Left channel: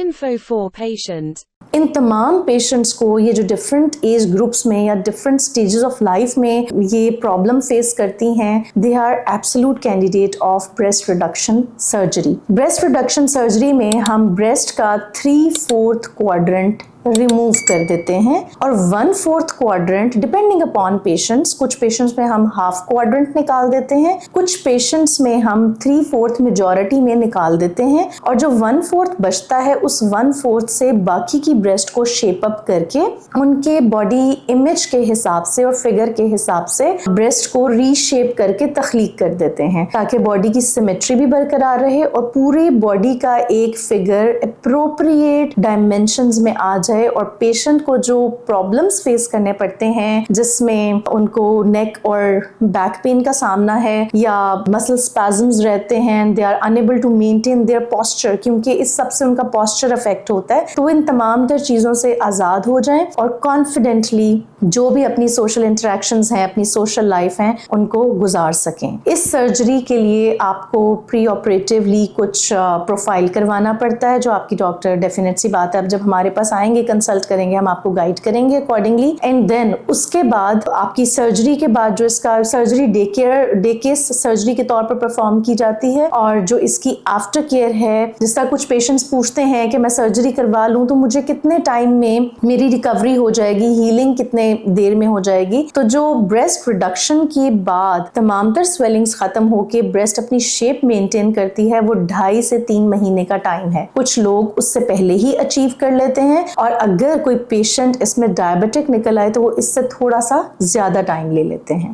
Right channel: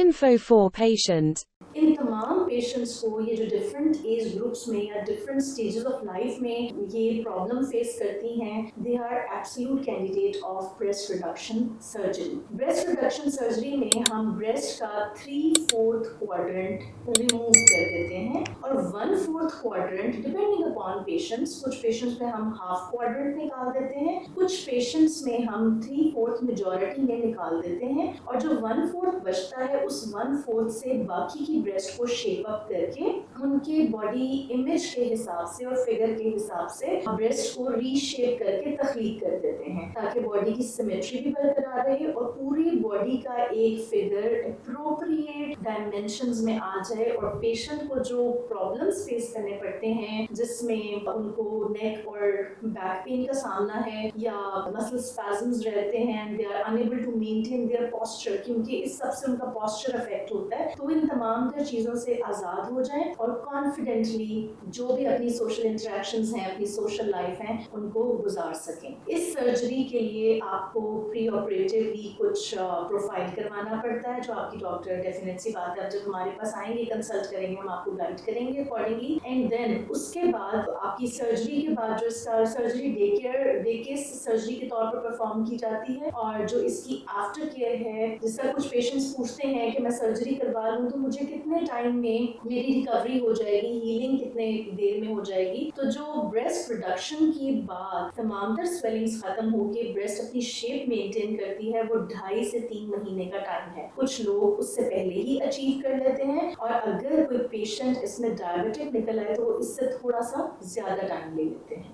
Info for patient. इन तमाम patients को ये जो डिफरेंट एज ग्रुप्स में या डिफरेंट स्टेजेस ऑफ लाइफ में ये प्रॉब्लम फेस करती हैं, they are absolute candidate of breast reduction surgery. Breast reduction surgery में हम ब्रेस्ट का 3/4 क्वाड्रेंट रिमूव कर देते हैं और 1/4 क्वाड्रेंट डिपेंडिंग अपॉन पेशेंट्स, कुछ पेशेंट्स में हम हाफ क्वाड्रेंट निकाल देते हैं, कुछ पेशेंट्स में हम 3/4 मेजॉरिटी में निकाल देते हैं और जो 1/4 बचता है उस 1/4 से बाकी की ब्रेस्ट को शेप अप करके उनके बॉडी इमेज के हिसाब से और फिगर के हिसाब से ब्रेस्ट को रीशेप करके तख्लीक कर देते हैं ताकि बॉडी की सिमेट्री भी बरकरार रहे और पूरे बॉडी का एक फिगर अप्रोप्रिएट डायमेंशंस में आ जाए और पेशेंट को जो प्रॉब्लम्स फेस करने पड़ते हैं जिसमें उनको नेक और बैक पेन का सामना है या मसल स्पैज़म्स रहते हैं, they are unable to maintain their posture क्योंकि इस सब से उनका पोस्चर अफेक्ट होता है, तो इन तमाम तर चीज़ों से आज़ाद हो जाएं और कॉन्फिडेंटली जो भी अपनी सोशल इंटरेक्शंस हैं, अपनी सोशल लाइफ हैं, उनको गुजार सकें। इस सर्जरी के लिए आपको प्री ऑपरेटिवली कुछ प्रोफाइल करवाना पड़ता है जो आपकी डॉक्टर डेफिनेट सी बात है अब जब हमारे पास आएंगे कंसल्ट करेंगे, हम आपको गाइड करेंगे अकॉर्डिंगली एंड देन उसके बाद आपकी सर्जरी के बाद जो इसका सर्जरी डे केस सर्जरी के तौर पर परफॉर्म की जाती है और जो इसकी आफ्टर केयर है, जिस तरह कुछ पेशेंट्स पूछते हैं कि मैं सर्जरी करवा लूं तो मुझे कितने टाइम में मेरी रिकवरी हो जाएगी, हीलिंग कितने देर में हो जाएगी, तो जो ब्रेस्ट रिडक्शन के बाद तमाम तर स्वेलिंग्स खत्म होके ब्रेस्ट अपनी शेप मेंटेन करती है वो 2.5 से 3 महीने का टाइम है। कुछ लोग उससे पहले ही अचीव कर लेते हैं और अगर कोई पेशेंट इसमें डायबिटिक निकल आए तो वो इससे थोड़ा सा ज्यादा टाइम ले लेते हैं।